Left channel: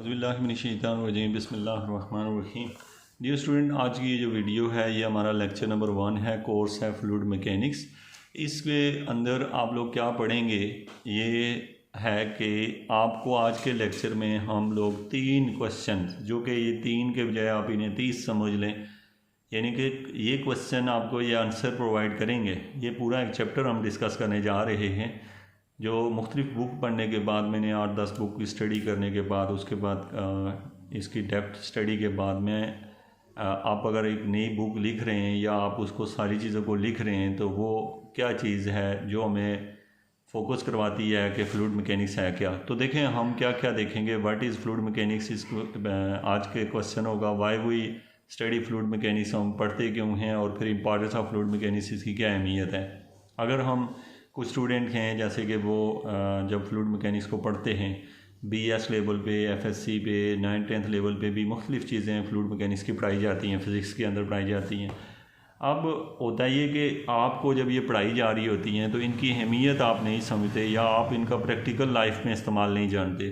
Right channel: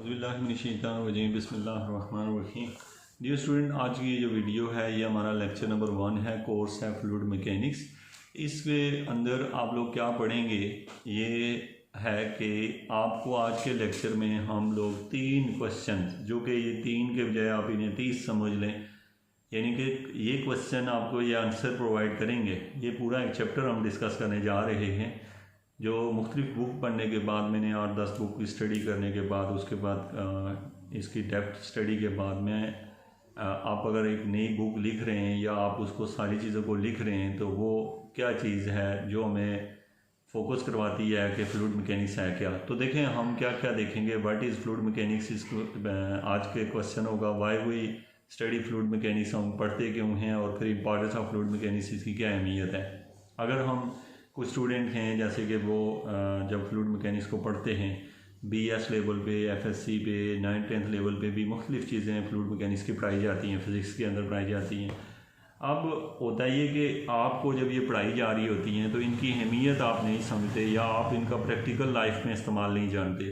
बिस्मिल्लाहिर्रहमानिर्रहीम। Dear student, आज की ये जो वीडियो है ये हमारा लेक्चर नंबर 1 है, कोर्स है फ्लूइड मैकेनिक्स। इसके अंदर आप लोग क्या पढ़ेंगे ये है कि आपको आज के लेक्चर में हम लोग 3 क्वेश्चन, जो कि ये 3 के बजाय आप इन्हें 30 समझ लें, यानी कि ये क्वेश्चन आपको ये आंसर प्रोवाइड करेंगे। ये पूरा एक चैप्टर हम डिस्कस करने जा रहे हैं, जो मुख्तलिफ बुक पढ़ने के बाद, मैंने 8-10 बुक की स्टडी करने के बाद, उसके बाद इसकी डेप्थ स्टडी के बाद में आप अगर एक नई बुक लिख रहे हैं या आप उसको सारी चीज़ों को लिख रहे हैं, तो वो क्या चीज़ है जो हमें फोकस करवाती है कि फ्लूइड मैकेनिक्स है क्या। तो देखें हम क्या क्या देखेंगे। व्हाट इज़ फ्लूइड मैकेनिक्स, आज के क्वेश्चन होगा। Why we study fluid mechanics, हम पढ़ते क्यों हैं, और फिर इंपॉर्टेंस ऑफ फ्लूइड मैकेनिक्स, इसकी क्या अहमियत है। अगर हम कुछ स्टूडेंट हैं जैसे कि वो जब फ्लूइड मैकेनिक्स को पढ़ते हैं BS लेवल पे, FSC पे, 9th-10th लेवल पे भी मुख्तलिफ़ चीज़ें फ्लूइड मैकेनिक्स की पढ़ाई जाती हैं, फ़िज़िक्स के अंदर पढ़ाई जाती हैं। अब होता ये कि आपको जब ये पढ़ाई जा रही होती हैं तो इनकी अहमियत आप नहीं समझते या आप इनका प्रैक्टिकल लाइफ में इस्तेमाल नहीं जानते।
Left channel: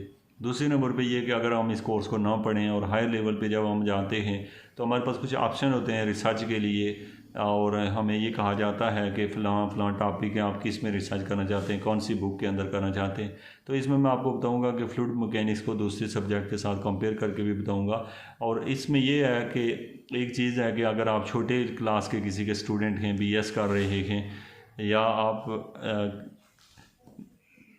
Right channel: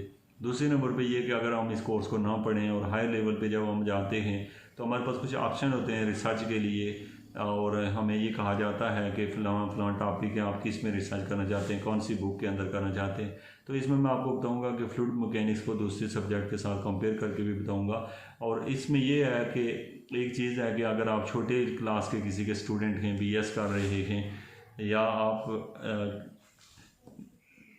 दूसरे नंबर पे ये कि अगर हम इस कोर्स को ना पढ़ें और हायर लेवल पे जब हम जाते हैं तो हमारे पास कुछ ऑप्शन होते हैं रिसर्च के लिए, और हमें ये कहा जाता है कि फ़लाँ टॉपिक है, आप किस में रिसर्च करना चाहते हैं, कौन सी बुक के अंदर करना चाहते हैं। तो इसमें मैं आपको बताऊंगा कि फ्लूइड मैकेनिक्स को दूसरे सब्जेक्ट के साथ कंपेयर करके भी बताऊंगा। और इसमें ये है कि एक चीज़ है कि अगर आप छोटे क्लास के किसी के स्टूडेंट हैं, BS कर रहे हैं, या आप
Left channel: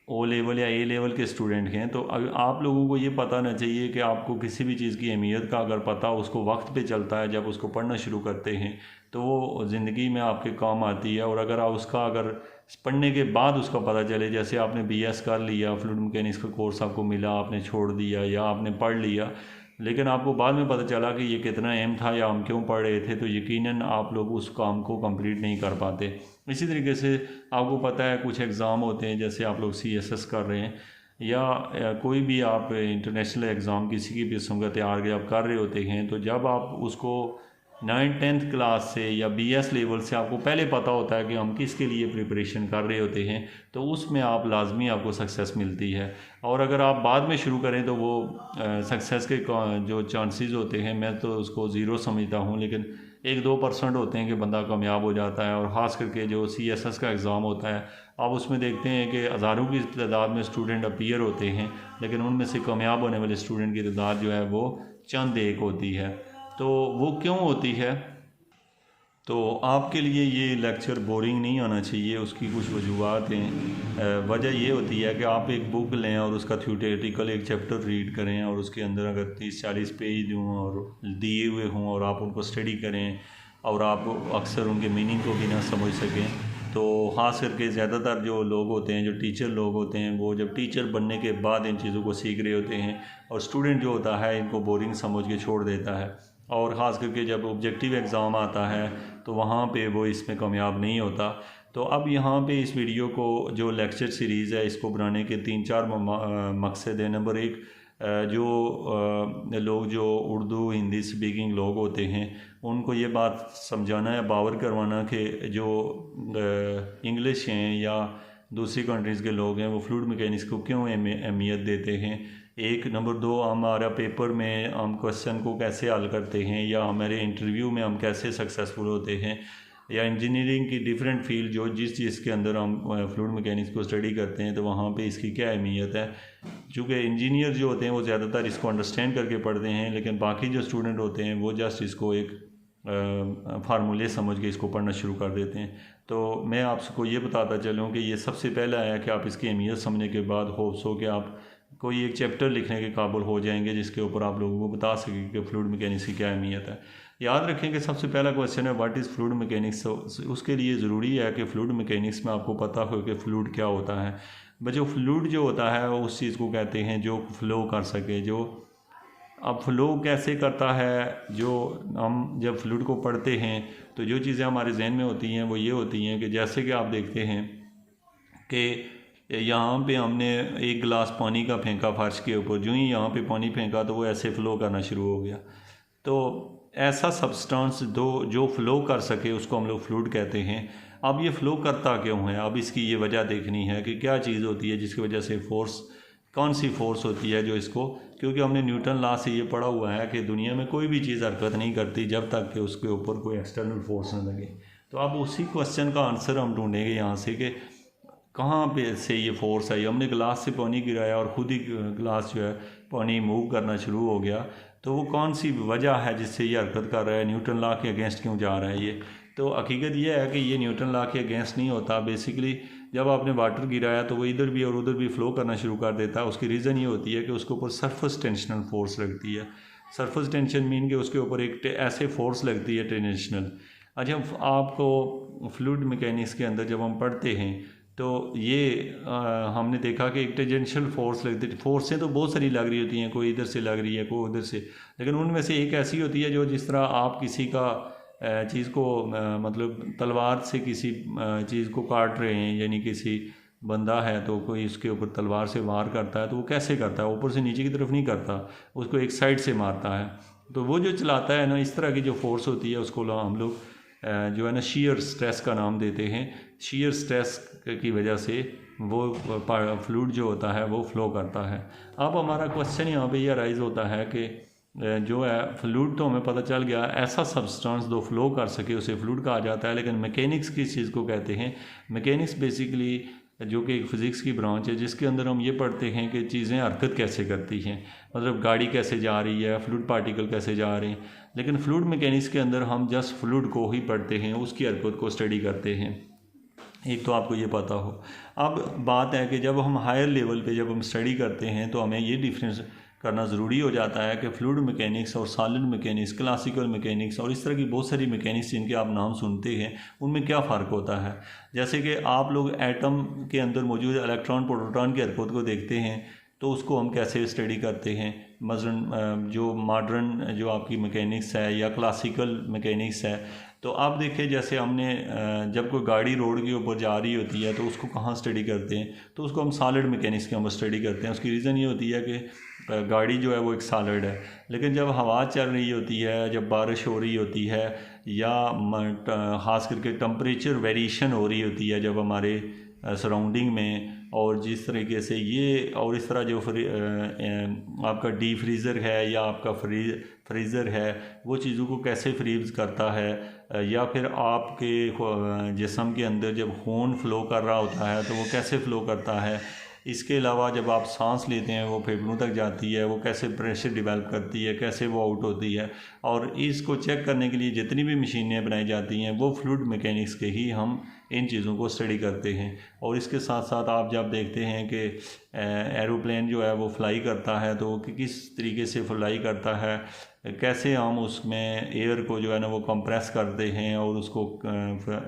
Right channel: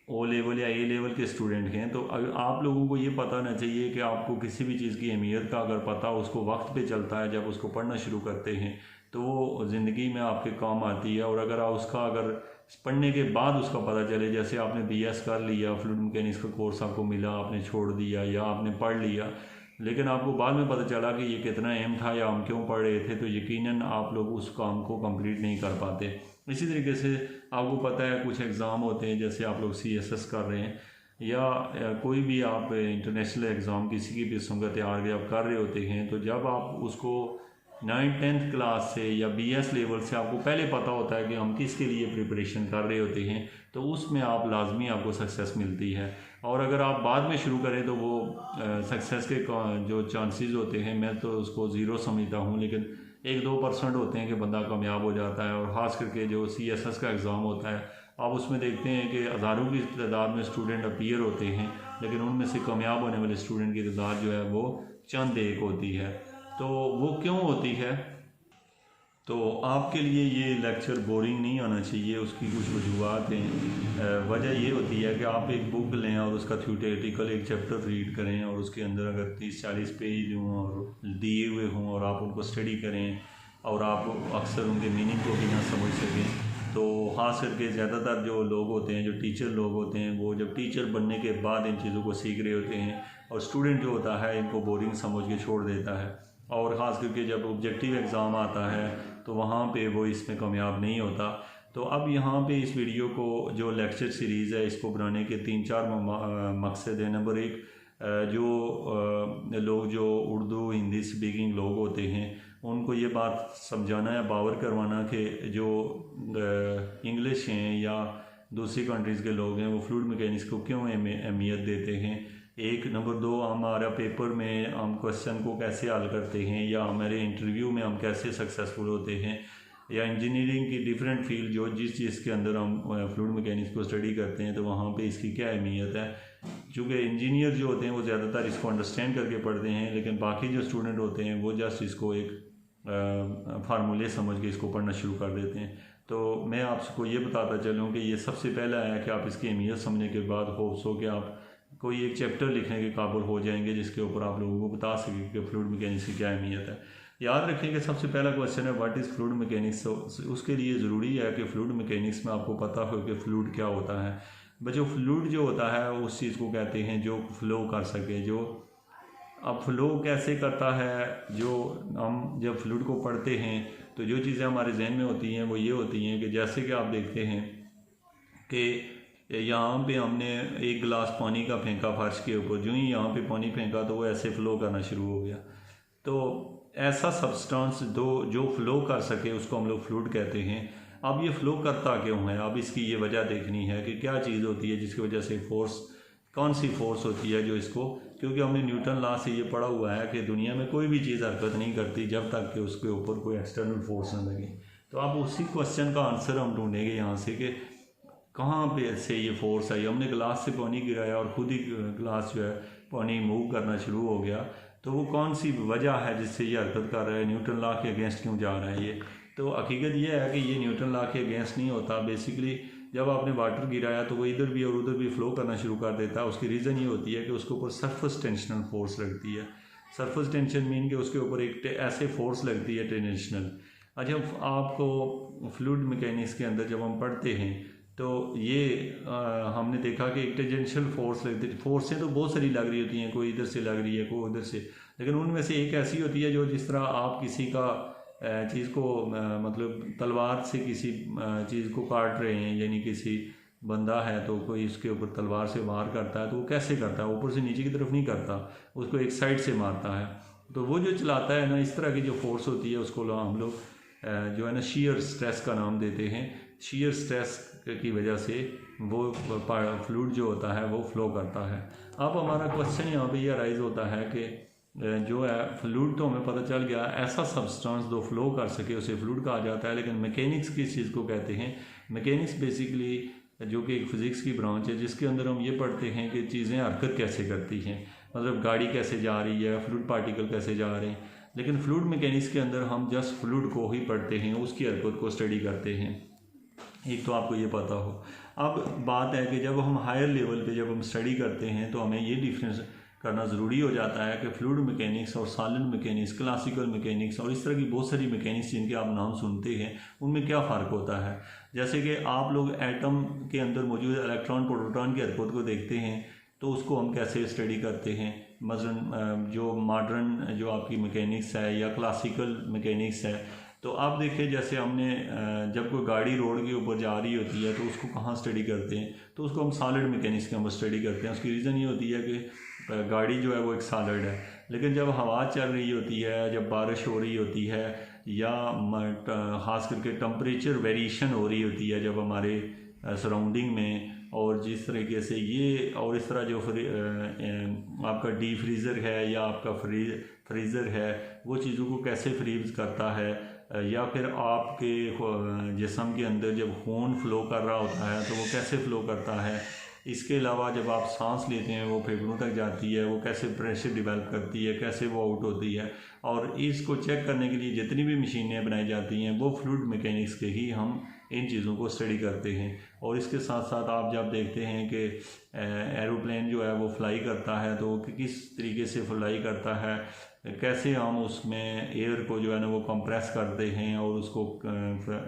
O लेवल या A लेवल के स्टूडेंट हैं, तो आप लोगों को ये पता होना चाहिए कि आपको किसी भी चीज़ की अहमियत का अगर पता उसको वक्त पे चलता है, जब उसको पढ़ना शुरू करते हैं तो वो ज़िंदगी में आपके काम आती है। और अगर आप उसका अगर पढ़ने के बाद उसका पता चले, जैसे आपने BS कर लिया, फ्लूइड मैकेनिक्स का कोर्स आपको मिला, आपने छोड़ दिया या आपने पढ़ लिया, लेकिन आपको बाद में पता चला कि ये कितना अहम था या हम क्यों पढ़ रहे थे, तो यकीनन आप लोग उस काम को कंप्लीट नहीं कर पाते। इसी तरीके से आपको पता है कुछ एग्ज़ाम होते हैं, जैसे आप लोग CSS कर रहे हैं या कोई भी आप इंटरनेशनल एग्ज़ाम किसी की भी किस्म का तैयार के आप कर रहे होते हैं, तो जब आप उसको 9th-10th क्लास से या BS लेवल से आपको पहले पता होता है कि हम किसके लिए प्रिपरेशन कर रहे होते हैं, तो उसमें आप लाजमी आपको सक्सेस मिलती है। और अगर आप बाद में शुरू करें तो वो सक्सेस के जो चांसेस होते हैं, मैं तो उसको ज़ीरो समझता हूँ, लेकिन 1-2% होते हैं कि बंदा कामयाब हो जाता है। और ख़ास करके जो CSS का एग्ज़ाम होता है, आप उसमें देखते हैं कि हज़ारों की तादाद में स्टूडेंट अपीयर होते हैं, लेकिन उनमें से कामयाब होने वाले स्टूडेंट की तादाद जो है वो चंद एक होती है। तो वो क्यों होती है? तो आपके लिए ये लेक्चर बोरिंग नहीं आना चाहिए, उसकी कुछ वजूहत हैं। वजह ये होती है कि आप एक बुक लें और उसका थ्योरेटिकल एक चैप्टर रीड करें, और उसके अंदर अगर 30-40 पेज हों और दिए हुए हों और आप उनको स्टडी करें और आप अक्सर उनके मीनिंग को भी ना समझ सकें, तो ख़ास करके ज़्यादातर जो लोग होते हैं, जो टीचर लोग होते हैं, वो जब टीचर बनने के बाद इन चीज़ों को सीख रहे होते हैं, और स्टूडेंट जो होता है इनको बोरिंग समझ के छोड़ देता है। और ख़ास करके जब ऑब्जेक्टिव एग्ज़ाम आता है तो वहाँ पे वो इसमें कामयाब नहीं होता। तो अब यहाँ पे इस वीडियो को, जो लेक्चर सीरीज़ है, इसको बनाने के 3-4 मकसद है। नंबर 1, जो लोग जो उर्दू हिंदी स्पीकिंग लोग होते हैं उनको ये बात समझाना है, बावर करवाना कि जो इंग्लिश हैं या दूसरी कंट्रीज़ के लोग हैं वो फ्लूइड मैकेनिक्स को क्यों अहमियत देते हैं। एक नंबर 2, हमारा पेपर में हम क्वेश्चन को कैसे हल करते हैं, या हमारे इंटरव्यू में हम कैसे सक्सेसफुल होते हैं, या इंजीनियरिंग की डिफरेंट फील्ड जो जिस चीज़ के अंदर हम फ्लूइड मैकेनिक्स को स्टडी करते हैं, तो वहाँ पे इसकी क्या अहमियत है। चूँकि इंजीनियर जो होते हैं वो ज़्यादातर इसको अंडरस्टैंड करके पढ़ते हैं, लेकिन बाकी जो स्टूडेंट होते हैं वो जस्ट इसको एक फार्मूले समझ के इसको पढ़ना शुरू कर देते हैं। तो मैं आपको ये बताता चलूँ कि ये सबसे पहला है कि आप इसकी अहमियत समझने के बाद होप्स हो कि आप कोई एक चैप्टर लिखने के काबिल हो जाएंगे जिसके ऊपर आप लोगों को बता सकें कि फ्लूइड मैकेनिक्स की क्या अहमियत है। याद रखें कि सबसे पहला क्वेश्चन है व्हाट इज़ फ्लूइड मैकेनिक्स। उसके लिए ज़रूरी है कि फ्लूइड मैकेनिक्स में आपको पता हो कि फ्लूइड क्या होता है। बच्चों, फ्लूइड जो होता है उस चीज़ को कहते हैं जो फ्लो कर सके। जो अब फ्लो कैसे करता है, जो हम जब फ्लूइड को पढ़ते हैं तो जो चीज़ें हमारे जहन में होती हैं वो ये होती हैं कि जैसे कि आप देखते हैं कि यहाँ पे हमने एक गिलास पानी का फेंका फर्श के ऊपर, जो ही यहाँ पे पानी फेंका तो वो ऐसे फ़्लो करना शुरू हो गया। तो ऐसा सब्सटेंस जो फ़्लो कर सके उसको हम लोग फ्लूइड कहते हैं। अब ये फ़्लो करता क्यों है, अब इसकी ये वजह देखनी है कि क्या चीज़ होती है जिसकी वजह से फोर्स, कौन सी फोर्स होती है जो इसको क्योंकि हमने न्यूटन लॉ से ये पढ़ा हुआ है कि दुनिया में कोई भी चीज़ हरकत नहीं करती जब तक कि उसके ऊपर कोई एक्सटर्नल फोर्स न लगे। तो अब उसी क्वेश्चन का आंसर हम ढूंढेंगे यहाँ से कि कहाँ पे से ये फोर्स आई। हमने गिलास से पानी गिराया और ख़ुद ही गिलास जो है पानी मूव करना शुरू हो गया, तो वो कौन सी वजह है जिससे ये हरकत कर रहा है, न्यूटन लॉ के अगेंस्ट क्यों जा रहा है ये। तो हकीकत ये है कि ये न्यूटन लॉ के अगेंस्ट नहीं होता। बेसिकली जब आपने वाटर गिराया तो वो इधर भी और उधर भी फ़्लो करना शुरू कर देता है। उसकी रीज़न ये होती है कि उसके ऊपर सरफेस टेंशनल फोर्स लगती है। सरफेस टेंशन मीन कि उसके ऊपर एक ऐसे फोर्स लगती है टेंशनल। अच्छा, आपको फ्लूइड मैकेनिक्स के अंदर जब हम पढ़ते हैं तो ये हमने देखा कि एक टेंजेंशियल फोर्स लगती है। फोर्सें तो बहुत सारी लग रही होती हैं, कोई इधर से लग रही है, कोई उधर से, लेकिन उनमें से एक ऐसी होती है जो जिस तरह आप किसी का चीज़ को मतलब तलवार से किसी चीज़ को काट रहे हैं, यानी किसी बंदा है तो कोई उसके ऊपर तलवार से वार करता है, तो वो कैसे करता है, ऊपर से नीचे की तरफ नहीं करता, उसको एक साइड से मारता है। तो वो जो चलाता है ना, इस तरह की जो फोर्स होती है उसको हम लोग जो है ना शीयर स्ट्रेस का नाम देते हैं। शीयर स्ट्रेस की वजह से वो फ्लूइड जो होता है वो फ्लो करता है। अब हमारा क्वेश्चन यहाँ पे ये राइज होता है कि जो है फ्लूइड तो हमें पता चल गया, ऐसा सब्सटेंस जो फ्लो कर सके उसे फ्लूइड कहा जाता है। लेकिन मैकेनिक्स किस चीज़ को कहते हैं? मैकेनिक्स बेसिकली जो कि एक फ़िज़िक्स की ब्रांच है जिसके अंदर हम ये पढ़ते हैं कि चीज़ें हरकत कैसे करती हैं, मतलब गाड़ी कैसे जा रही है, फ्लूइड पार्टिकल कैसे जा रहे हैं। लेकिन फ्लूइड मैकेनिक्स के अंदर हम जस्ट फ्लूइड को ही पढ़ते हैं, उसकी हरकत को स्टडी करते हैं। एक तो आपको ये पता हो। अब बात है कि जब हम हायर लेवल पे जब हम स्टडी करते हैं तो हमें ये डिफरेंस करना ज़रूरी हो जाता है कि फ्लूइड मैकेनिक्स और सॉलिड मैकेनिक्स, क्लासिकल मैकेनिक्स और इस तरह की बहुत सारी मैकेनिक्स जिनके आप नाम सुनते हैं, उनमें क्या फ़र्क होता है। जैसे कि आप लोग एटम के अंदर मौजूद इलेक्ट्रॉन प्रोटॉन की हरकत को देखते हैं तो उसको हम कैसे स्टडी करते हैं। मसलन जो मॉडर्न जो आपकी मैकेनिक्स है या क्लासिकल मैकेनिक्स है, तो आप देखें जैसे हमने जब कोई गाड़ी रोड के ऊपर जा रही होती है तो उसको कहाँ स्टडी करते हैं, तो उसको हम सॉलिड मैकेनिक्स के अंदर स्टडी करते हैं। उसकी रीज़न ये होती है कि गाड़ी जो है वो एक सॉलिड है, लेकिन जब हवा चल रही होती है, जब बारिश हो रही होती है या ख़ास करके टम्परेचर वेरिएशन हो रही होती है जब हमारे सराउंडिंग में, और जिस तरीके से ये और इस तरह जो आपका डी फ्रीज़र है या आपका फ्रीज़र है वो चीज़ों को कैसे फ्रीज करता है, या फिर आपके जिस्म के अंदर जब खून फ़्लो कर रहा होता है तो वो कैसे फ़्लो करता है। इसके अलावा जब आप सांस लेते हैं वो फेफड़ों तक जाती है, वो कैसे प्रेशर डेवलप करती है, कैसे वो आउट होती है, और इसको चेक करने के लिए जितनी भी मशीनें बनाई जाती हैं वो फ्लूइड मैकेनिक्स के ही हम इन चीज़ों को स्टडी करते हैं। और इसके साथ साथ आप जब देखते हैं कि एरोप्लेन जो है वो फ्लाई करता है तो किस तरीके से फ्लाई करता है, कैसे हम उसमें एयर को जो है ना वो कंप्रेस करते हैं और उसको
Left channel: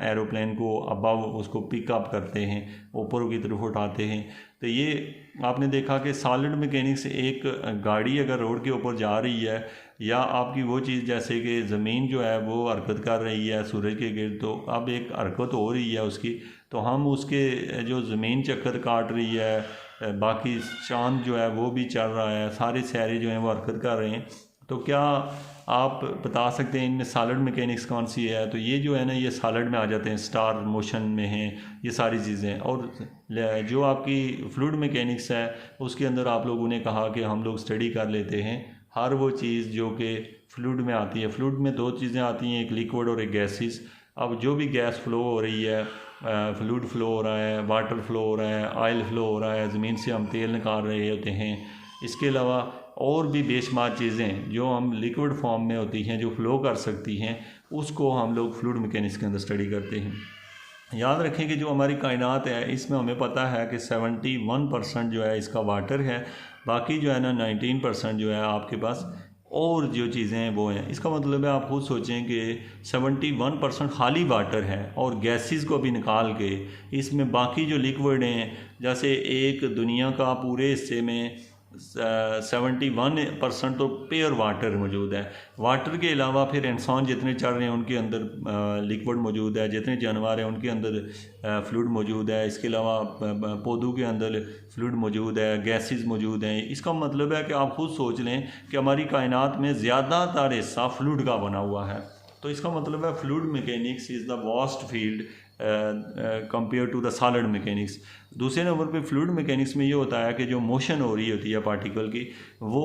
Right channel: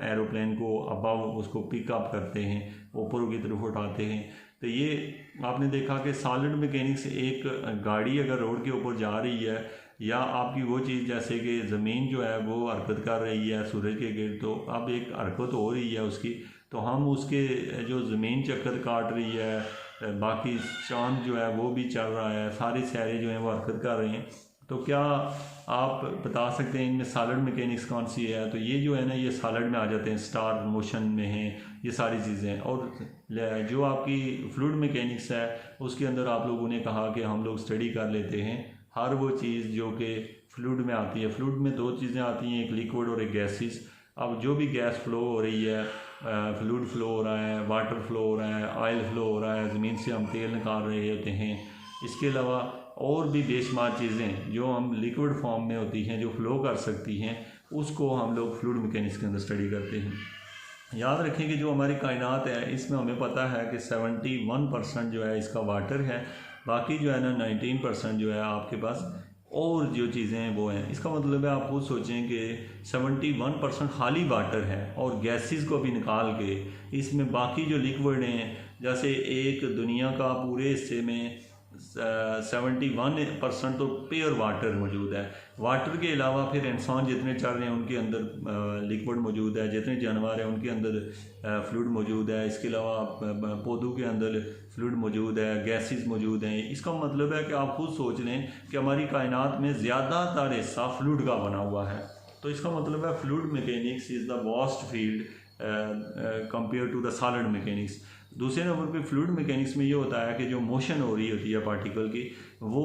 एरोप्लेन को अबव उसको पिकअप करते हैं, ऊपर की तरफ उठाते हैं। तो ये आपने देखा कि सॉलिड मैकेनिक्स एक गाड़ी अगर रोड के ऊपर जा रही है या आपकी वो चीज़ जैसे कि ज़मीन जो है वो हरकत कर रही है सूरज के गिर्द, तो अब एक हरकत हो रही है उसकी, तो हम उसके जो ज़मीन चक्कर काट रही है, बाकी चांद जो है वो भी चल रहा है, सारे सितारे जो हैं वो हरकत कर रहे हैं, तो क्या आप बता सकते हैं इनमें सॉलिड मैकेनिक्स कौन सी है? तो ये जो है ना ये सॉलिड में आ जाते हैं, स्टार मोशन में हैं ये सारी चीज़ें। और जो आपकी फ्लूइड मैकेनिक्स है उसके अंदर आप लोगों ने कहा कि हम लोग स्टडी कर लेते हैं हर वो चीज़ जो कि फ्लूइड में आती है। फ्लूइड में दो चीज़ें आती हैं, एक लिक्विड और एक गैसेस। अब जो भी गैस फ्लो हो रही है, फ्लूइड फ्लो हो रहा है, वाटर फ्लो हो रहा है, ऑयल फ्लो हो रहा है, ज़मीन से हम तेल निकाल रहे होते हैं, इसके अलावा और भी बेशुमार चीज़ें जो हम लिक्विड फॉर्म में होती हैं जो फ्लो कर सकती हैं, उसको हम लोग फ्लूइड मैकेनिक्स के अंदर स्टडी करते हैं। याद रखें कि जो हमारी कायनात है इसमें हमें पता है कि 71% जो है इसका वाटर है, बाकी जो है ना 19% जो है आपके पास और जो चीज़ें हैं वो हैं। इसका मतलब है आप खुद सोचें कि 71% खाली वाटर है और गैसेस को भी निकाल के इसमें बाकी जो लिक्विड हैं, जैसे एक दुनिया का पूरे हिस्से में 71% तो प्योर वाटर मौजूद है। वाटर के अलावा फिर इंसान जितने चल रहे हैं उनके अंदर लिक्विड मौजूद है, जितने जानवर हैं उनके अंदर फ्लूइड मौजूद है, इसके अलावा पौधों के अंदर फ्लूइड मौजूद है, गैसेस मौजूद हैं। इसका मतलब है कि आप खुद सोच लें कि हमारी कायनात में ज़्यादातर हिस्सा फ्लूइड का बना हुआ है। तो इसका मतलब है fluid mechanics is the vast field compare to the solid mechanics. दूसरे नंबर पे फ्लूइड मैकेनिक्स में ये होता है कि जो मोशन हो रही होती है पार्टिकल की वो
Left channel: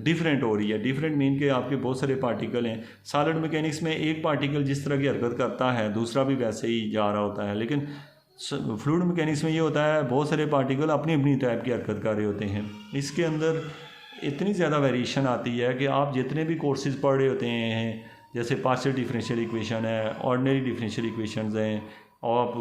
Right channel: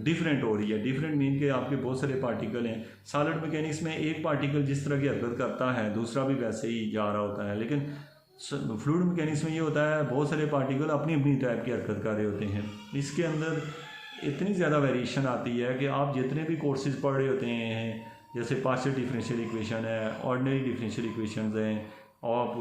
डिफरेंट हो रही है। डिफरेंट मीन के आपके बहुत सारे पार्टिकल हैं। सॉलिड मैकेनिक्स में एक पार्टिकल जिस तरह की हरकत करता है दूसरा भी वैसे ही जा रहा होता है, लेकिन फ्लूइड मैकेनिक्स में ये होता है बहुत सारे पार्टिकल अपनी अपनी टाइप की हरकत कर रहे होते हैं। इसके अंदर इतनी ज़्यादा वेरिएशन आती है कि आप जितने भी कोर्सेज पढ़ रहे होते हैं, जैसे पार्शियल डिफरेंशियल इक्वेशन है, ऑर्डिनरी डिफरेंशियल इक्वेशंस हैं, आप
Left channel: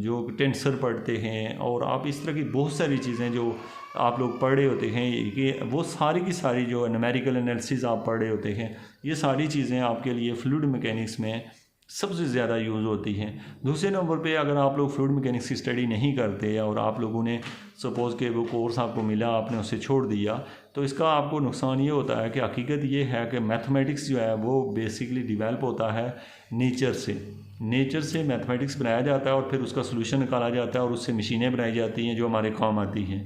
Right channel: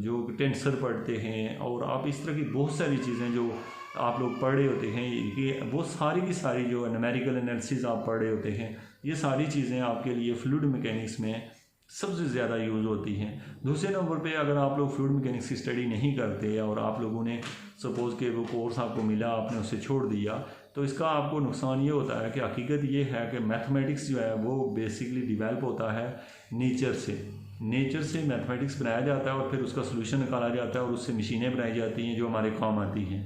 जो टेंसर पढ़ते हैं और आप इस तरह की बहुत सारी चीज़ें जो आप लोग पढ़ रहे होते हैं कि वो सारी की सारी जो न्यूमेरिकल एनालिसिस आप पढ़ रहे होते हैं, ये सारी चीज़ें आपके लिए फ्लूइड मैकेनिक्स में सबसे ज़्यादा यूज़ होती हैं। दूसरे नंबर पे अगर आप लोग फ्लूइड मैकेनिक्स की स्टडी नहीं करते और आप लोगों ने सपोज़ के वो कोर्स आपको मिला आपने उसे छोड़ दिया, तो इसका आपको नुकसान ये होता है कि हकीकत ये है कि मैथमेटिक्स जो है वो बेसिकली डिवेल्प होता है नेचर से मैथमेटिक्स बनाया जाता है और फिर उसका सोल्यूशन निकाला जाता है और उससे मशीनें बनाई जाती हैं जो हमारे काम आती हैं,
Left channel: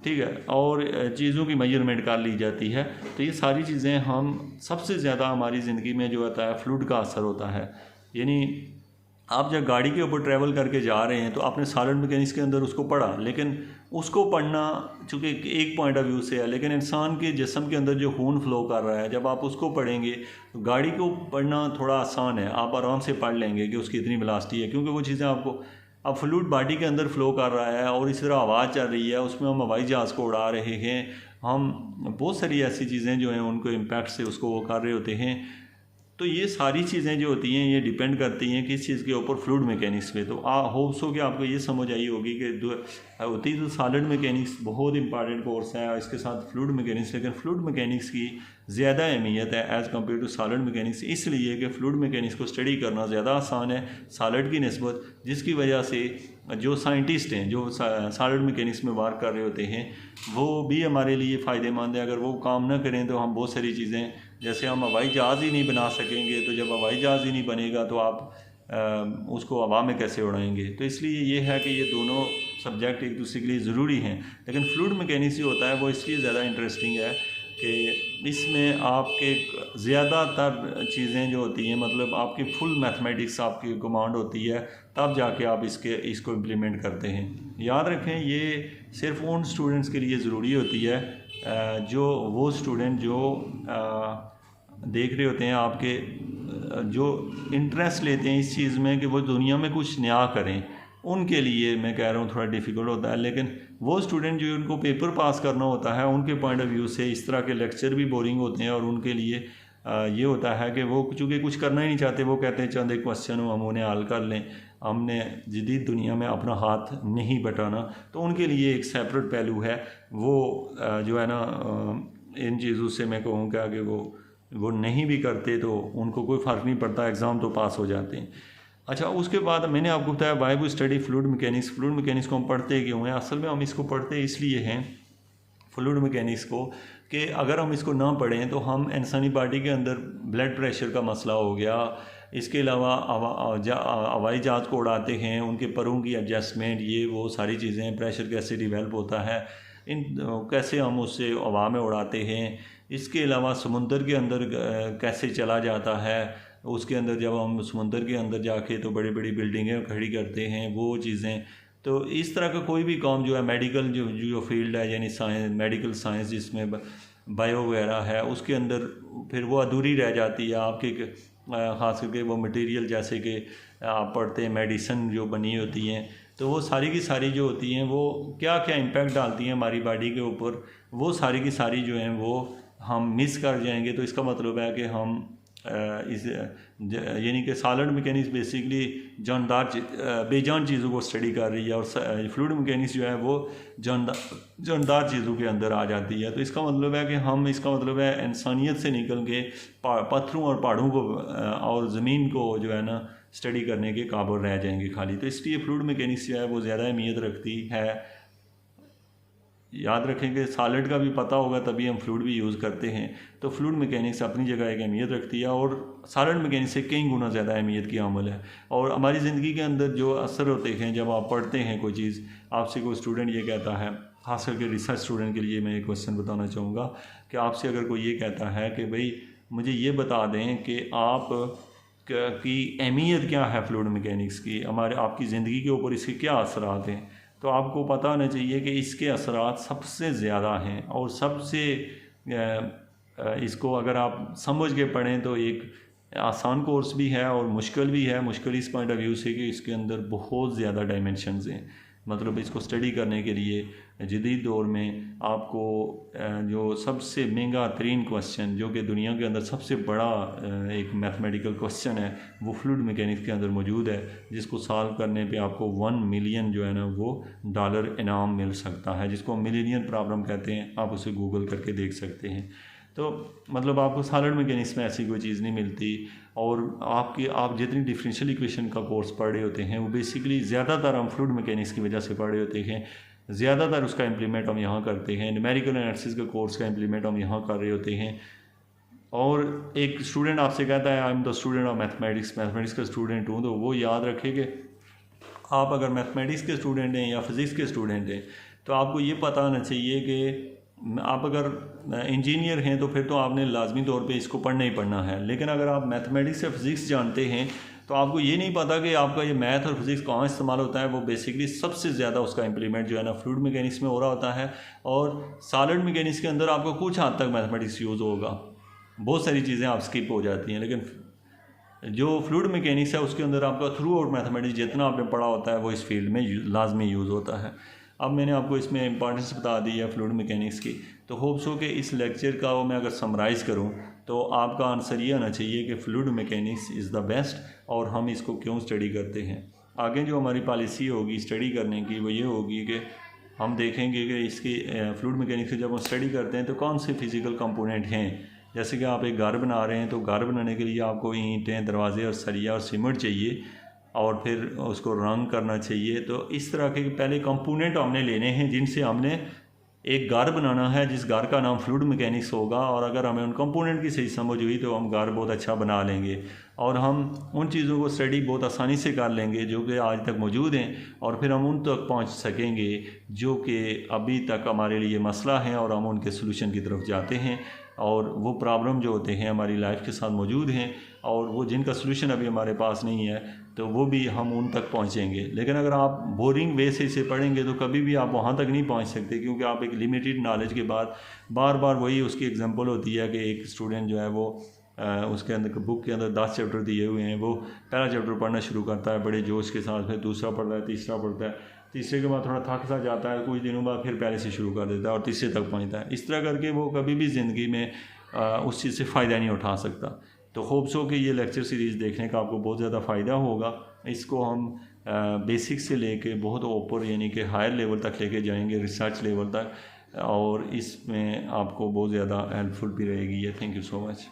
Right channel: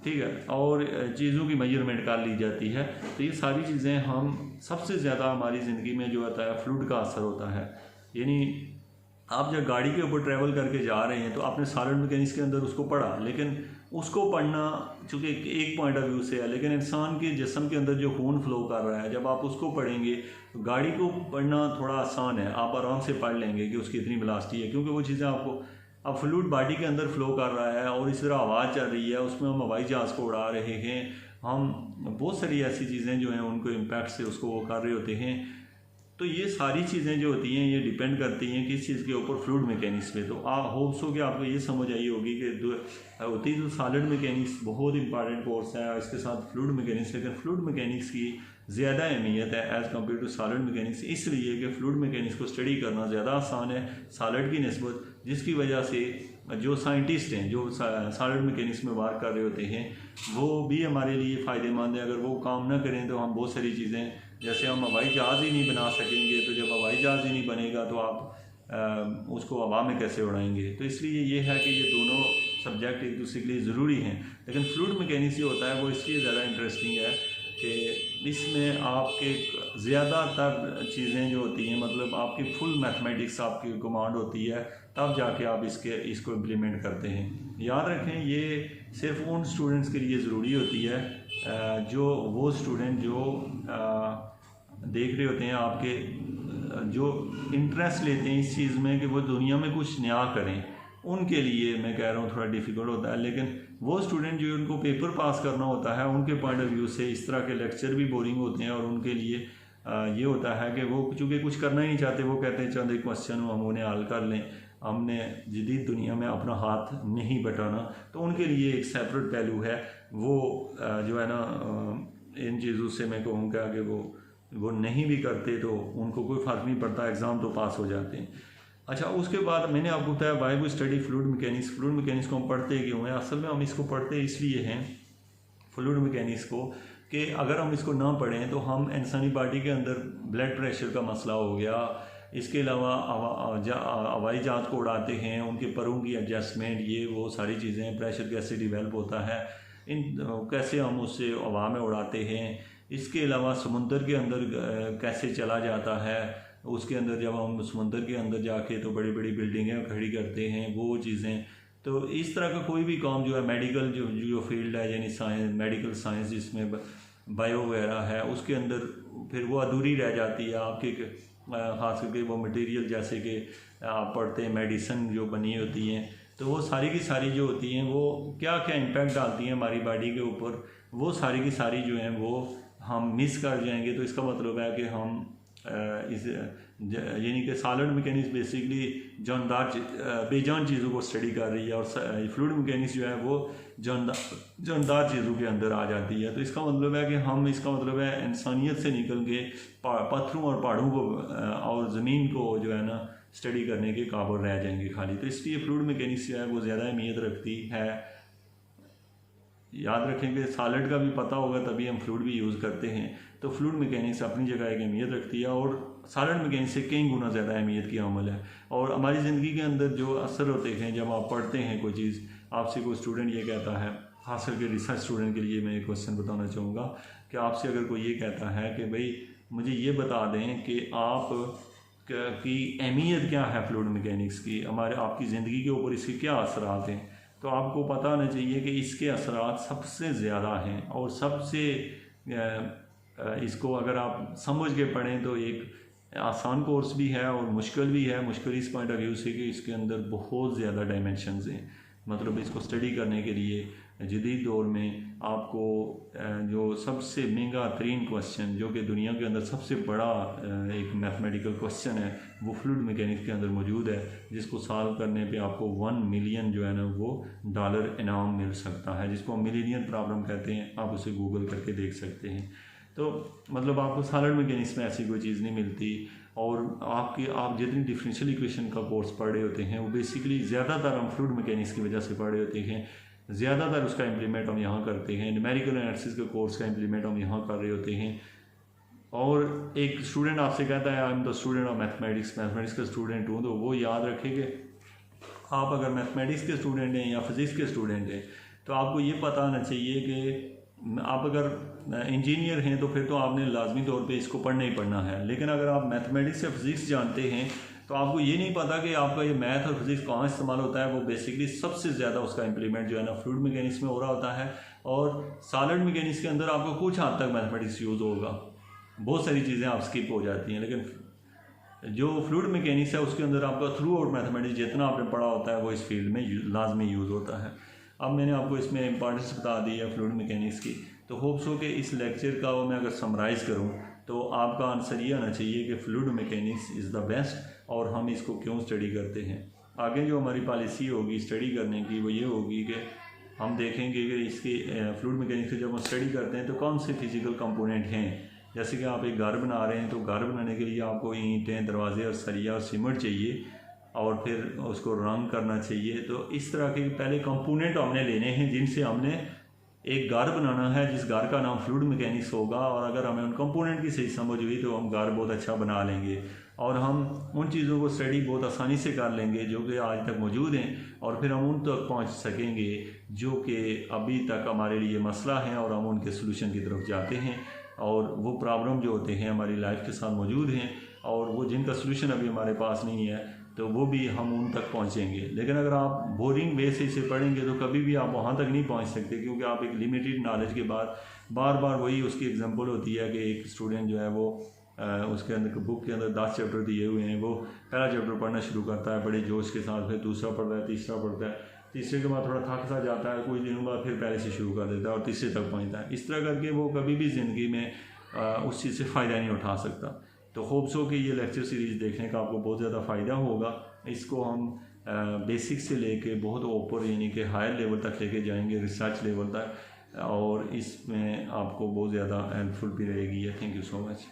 ठीक है, और चीज़ों की मेजरमेंट कर ली जाती है। तो ये सारी चीज़ें हम सबसे ज़्यादा हमारी ज़िंदगी में जो होता है फ्लूइड का असर होता है। यानी आप जब गाड़ी के ऊपर ट्रैवल करके जा रहे हैं तो आपने सॉलिड मैकेनिक्स के अंदर उसको पढ़ा, लेकिन उसको पढ़ना चूँकि एक पॉइंट ऑफ व्यू से है, लेकिन इंसान के जिस्म के अंदर जो खून फ्लो कर रहा है जब आप उसको पढ़ेंगे तो गाड़ी को पढ़ना थोड़ा आसान है, आप आराम से पढ़ लेंगे कि उसकी इतनी वेलोसिटी है, क्योंकि वो चीज़ें आपको अब फ्लूइड बॉडी के अंदर फ्लो कर रहा है और इस तरह आवाज़ चल रही है, उसमें हम हवाई जहाज़ को उड़ा रहे हैं, हम बहुत सारी ऐसी चीज़ें जो हैं उनको इम्पैक्ट से उसको वो कर रहे होते हैं। तो ये सारी चीज़ें जो होती हैं ये डिपेंड करती हैं किस चीज़ के ऊपर, फ्लूइड मैकेनिक्स पे। तो होप्स हो कि आपको ये समझ आई होगी कि होती तो सॉलिड मैकेनिक्स बहुत इंपॉर्टेंट कोर्स है, इसके साथ फ्लूइड मैकेनिक्स, लेकिन फ्लूइड मैकेनिक्स की ज़्यादा अहमियत है as compare to solid mechanics, इसलिए कि फ्लूइड मैकेनिक्स को स्टडी करना ज़्यादा आसान है सॉलिड की निस्बत, जिसकी वजह से जो साइंटिस्ट हैं जो सॉलिड मैकेनिक्स में वर्क कर रहे होते हैं वो भी हमारे लिए फ़ायदेमंद है। अगर वो काम ना करें तो हम बहुत सारी चीज़ें, जैसे हम हवाई जहाज़ ही नहीं बना सकेंगे, तो जब हवाई जहाज़ ही नहीं बनेगा तो आप उसको हवा में कैसे उड़ाएंगे। तो इसलिए ये है कि ये दोनों सब्जेक्ट एक दूसरे के लिए ज़रूरी हैं, लेकिन फ्लूइड मैकेनिक्स जो होता है वो इसलिए ज़्यादा इंटरेस्टिंग है कि इसमें आपके ज़्यादातर चीज़ें जो होती हैं, मतलब आपकी फुल मैथमेटिक्स आपकी कमांड होती है, तब जाके आप इसको इम्प्लीमेंट करते हैं। याद रखें ये सिर्फ उन स्टूडेंट्स के लिए ज़रूरी होती है जो वो स्टूडेंट जो देख रहे होते हैं आपके, जो इंटरेस्ट लेते हैं इस चीज़ में कि वो दुनिया में कुछ नया करें, उनके लिए मैं कह रहा हूँ थोड़ा डिफ़िकल्ट होता है। लेकिन वो स्टूडेंट जो उनको पेपर पास करना होता है उनके पॉइंट ऑफ व्यू से इस तरह के लेक्चर भी बोरिंग होते हैं और उनके लिए ये होता है कि वो चूँकि कुछ करना ही नहीं चाहते, वो कहते हैं चंद एक क्वेश्चन हो हम उन्हें हल कर लें, हमने जदीद दुनिया में अपना हाथ नहीं बटाना। तो उनके लिए एक सेपरेट पहलू है, वो जो है ना इन चीज़ों से मैं कहूँगा कि वो नहीं भी करते तो उनको कोई फ़र्क नहीं पड़ता, एग्ज़ाम तो पास हो जाते हैं। अच्छा, उसके बाद मैंने आपको बताया why we study fluid mechanics. Fluid mechanics को हम पढ़ते क्यों हैं? असल में हम इसको पढ़ते इसलिए हैं फ्लूइड मैकेनिक्स को कि अगर हम इसको ना पढ़ें तो हम इंसानी बॉडी के अंदर ब्लड प्रेशर का मसला हो गया, इसके अलावा हवाई जहाज़ को उड़ाते हैं उनके परों की एडजस्टमेंट, ये वो सारी चीज़ें, प्रेशर कैसे डिवेल्प होता है, इन कैसे हम उससे हवा में उड़ाते हैं, इसके अलावा समुंदर के अंदर कैसे चला जाता है, उसके अंदर जब हम समुंदर के अंदर जाके तो बड़ी बड़ी बिल्डिंगें खड़ी करते हैं, वो चीज़ें। तो इस तरह का कोई भी काम जो है मेडिकल जो फील्ड है, यानी साइंस, मेडिकल साइंस जिसमें बायो वगैरह है, उसके अंदर फिर वो अधूरी रह जाती है आपके, ख़ास करके वो मटेरियल जैसे कि आप पढ़ते हैं मेडिसिन जो बनी होती हैं, तो वो सारी की सारी जो होती हैं वो क्या क्या इम्पैक्ट डालती हैं हमारी बॉडी के ऊपर, वो सारी की सारी जो हैं वो हम मिस कर जाएंगे। तो इसका मतलब है कि हम इस यानी कि सॉलिड मैकेनिक्स बेसिकली जानदार बेजान चीज़ों को स्टडी कर रही है और फ्लूइड मैकेनिक्स जो है वो जानदार चीज़ों के अंदर आ जाती है। तो इसका मतलब है कि हम, इसका मतलब है इंसानियत से निकल के पत्थरों और पहाड़ों को और ज़मीन को जो है ना स्टडी करने के काबिल रह जाएंगे खाली। तो इसलिए फ्लूइड मैकेनिक्स जो है वो ज़्यादा अहमियत रखती है। याद रखें कि सॉलिड का भी पता होगा तभी हम फ्लूइड भी यूज़ करते हैं। तो फ्लूइड मैकेनिक्स अपनी जगह एक अहमियत रखती है और सॉलिड मैकेनिक्स से कई गुना ज़्यादा अहमियत की अमल है। और हमारी ज़िंदगी के अंदर जो असर होते हैं जब आप पढ़ते हैं कोई चीज़, आपसे कोई स्टूडेंट ये कहता है, खास करके रिसर्च स्टूडेंट के लिए मैं एक क्वेश्चन बताना चाहूँगा कि आपसे अगर कोई ये कहता है कि भाई मुझे ये बता दें कि आप की अहमियत क्या है फ्लूइड मैकेनिक्स की, हमारे आपकी ज़िंदगी के ऊपर इसके क्या असरात हैं, तो आपको पता होना चाहिए कि इसके असरात सबसे ज़्यादा हैं और सबसे इसको अगर आप समझ के पढ़ें तो एक आसान कोर्स भी है और मुश्किल भी है। मुश्किल इस पॉइंट ऑफ व्यू से कि इसके अंदर बहुत ज़्यादा डायमेंशंस हैं, मतलब इसको स्टडी करने के लिए जदीद दौर में आपको जो सबसे महंगा तरीन क्वेश्चन जो कि दुनिया के अंदर सबसे बड़ा एक मैथमेटिकल क्वेश्चन है वो फ्लूइड मैकेनिक्स के अंदर मौजूद है, जिसको सॉल्व करने पे आपको 1 मिलियन जो है ना वो डॉलर इनाम मिल सकता है, जिसको मिलीनियर प्रॉब्लम कहते हैं। आप उसे गूगल करके देख सकते हैं। तो मतलब आपको सॉलिड मैकेनिक्स में ऐसी कोई चीज़ नहीं मिलती। और आप जितनी डिफरेंशियल इक्वेशन का कोर्स पढ़ रहे होते हैं वो बेसिकली ज़्यादातर हम फ्लूइड मैकेनिक्स की वजह से पढ़ रहे होते हैं, ज़्यादातर उसका इम्प्लीमेंट हम यहाँ करते हैं। न्यूमेरिकल एनालिसिस के कोर्स का इम्प्लीमेंट हम यहाँ कर रहे होते हैं। और एक स्टूडेंट आपसे कहता है I am the student of mathematics, mathematics का स्टूडेंट हूँ, तो वो याद रखें कि आप अगर मैथमेटिक्स के स्टूडेंट हैं या फिज़िक्स के स्टूडेंट हैं तो आपको ये पता होना चाहिए कि आप अगर इंजीनियर हैं तो फिर तो आपने लाजमी तौर पे इसको पढ़ना ही पढ़ना है। लेकिन अगर आप मैथमेटिक्स या फिज़िक्स जानते हैं तो आपको ये नहीं पता कि आपका ये मैथ और फिज़िक्स कहाँ इस्तेमाल होता है। वो बेसिकली सबसे ज़्यादा उसका इम्प्लीमेंट जो है ना फ्लूइड मैकेनिक्स में हो रहा होता है। और सॉलिड मैकेनिक्स के अंदर आपको कुछ हद तक मैथमेटिक्स यूज़ होगा, बहुत सारी चीज़ें आप स्किप हो जाती हैं, लेकिन जो फ्लूइड मैकेनिक्स है उसके अंदर आपका थ्रू आउट मैथमेटिक्स जितना आपने पढ़ा होता है वो इस फील्ड में लाजमी यूज़ होता है। अब मैंने आपको इसमें इंपॉर्टेंस बता दी है फ्लूइड मैकेनिक्स की, तो होप्स हो कि इस लेक्चर का मैं अगर समराइज़ करूं तो आपका आंसर ये आना चाहिए कि fluid mechanics is the best और हम इसको क्यों स्टडी करते हैं। आगे जो हमारी पॉलिसी होगी स्टडी करने की वो ये होगी कि हम देखेंगे कि इसकी फ्लूइड मैकेनिक्स की जब हम स्टडी करते हैं तो कौन से फिज़िकल कंपोनेंट हैं। जैसे कि आप एक घर बना रहे हैं तो घर बनाने के लिए आपको ईंटें, दरवाजे और सरिया और सीमेंट चाहिए और फिर उसको रंग करना चाहिए। तो इस तरह के पहले कंपोनेंट हमने लेने हैं जिनसे हमने एक घर बनाना है जिस घर का नाम फ्लूइड मैकेनिक्स होगा। और अगर हमें उन कंपोनेंट की सही समझ हुई तो हम घर बहुत अच्छा बना लेंगे और हम उन चीज़ों को स्टडी बहुत आसानी से कर लेंगे जो कि आज तक मौजूद हैं और फिर हम उन तक पहुंच सकेंगे जो कि अभी तक हमारे लिए मसला है और हम उनके सोल्यूशन की तरफ जाते हैं। और वो प्रॉब्लम जो होते हैं हमारी लाइफ के साथ मौजूद हैं और वो जिनका सोल्यूशन अभी हमारे पास नहीं है तो वो भी हम उन तक पहुंचेंगे। लेकिन अगर आप बोरिंग वे से इसे पढ़ेंगे तो कभी भी आप वहां तक नहीं पहुंच सकते, क्योंकि आप एक लिमिटेड नॉलेज के बाद बार बार वही उसकी एग्जांपल होती है कि एक स्टूडेंट जो है वो उसके अंदर बुक के अंदर 10 चैप्टर दिए हुए हैं, वो पहला चैप्टर पढ़ना शुरू करता है बड़े जोश के साथ, फिर दूसरा पढ़ता है, तीसरा पढ़ता है, तीसरे के बाद थोड़ा थक सा जाता है, कुछ दिनों बाद फिर पहले से शुरू कर देता है और तीसरे तक पहुँचता है। इस तरह करके वो कभी भी ज़िंदगी में उस चीज़ से फ़ायदा नहीं उठा सकता। तो होप्स हो कि ये लेक्चर सीरीज़ देखने का आपको बहुत ज़्यादा फ़ायदा होगा। इसको हम बेसिक से लेके बहुत ऊपर यानी कि हायर लेवल तक लेके जाएंगे, रिसर्च लेवल तक, और इसमें आपको बहुत ज़्यादा हेल्पफुल भी रहेगी। Thank you so much.